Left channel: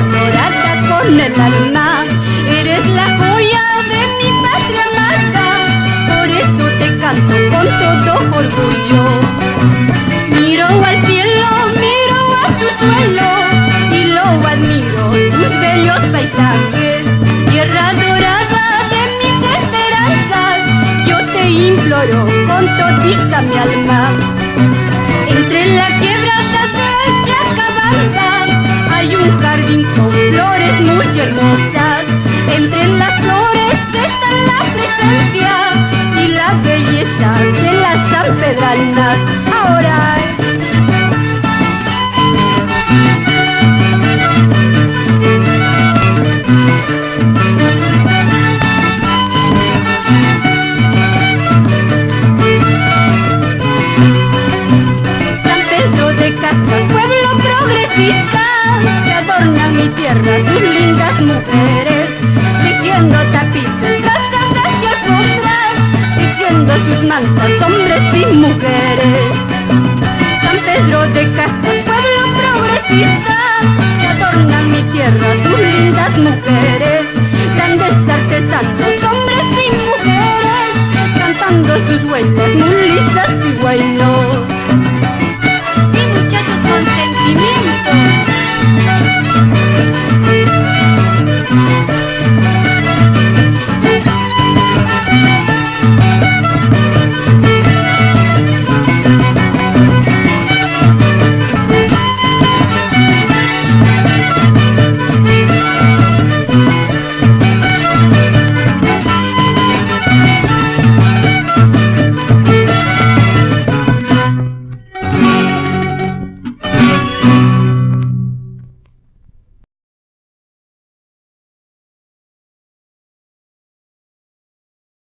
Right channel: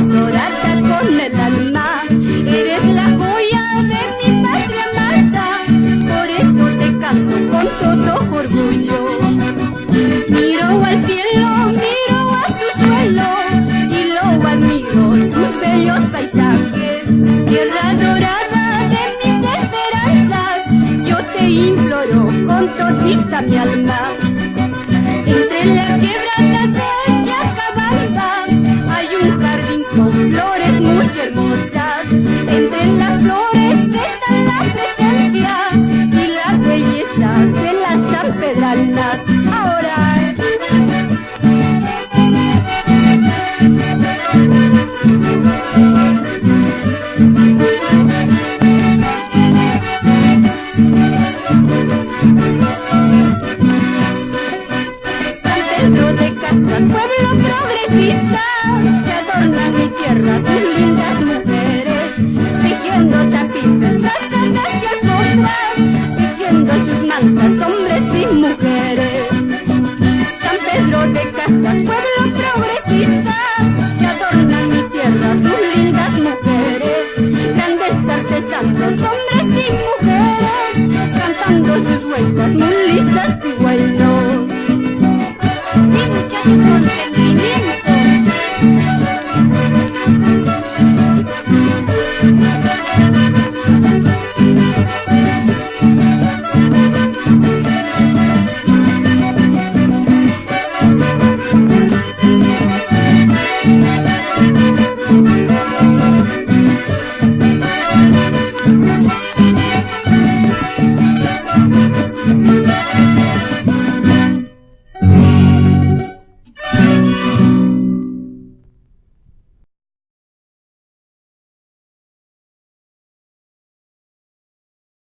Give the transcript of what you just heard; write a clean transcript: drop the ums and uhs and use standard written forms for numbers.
adorada con el alma. Eres la joya de mi patria amada, por eso te canto con todo orgullo. Miro al cielo, miro a tu suelo y lo admiro, tus bellos paisajes. Tierra dorada de mis esperanzas, yo te imploro con todita mi alma. Entre la quebrada de Chacabamba hay un jardín con flores muy hermosas. Entre las flores está la presencia y la belleza de las sanpedranas. Ahora San Pedro de Casas, pueblo progresista, que adornan mi tierra sus lindas mujeres, tejiendo tapices, trazadas y alfombras, tejiendo sus mantas, hombres y mujeres. San Pedro de Casas, pueblo progresista, que adornan mi tierra sus lindas mujeres, grandes artesanos, hombres y mujeres, cantando sus huellas muy lisas y buenos. Sí, muchachos, con sentimiento.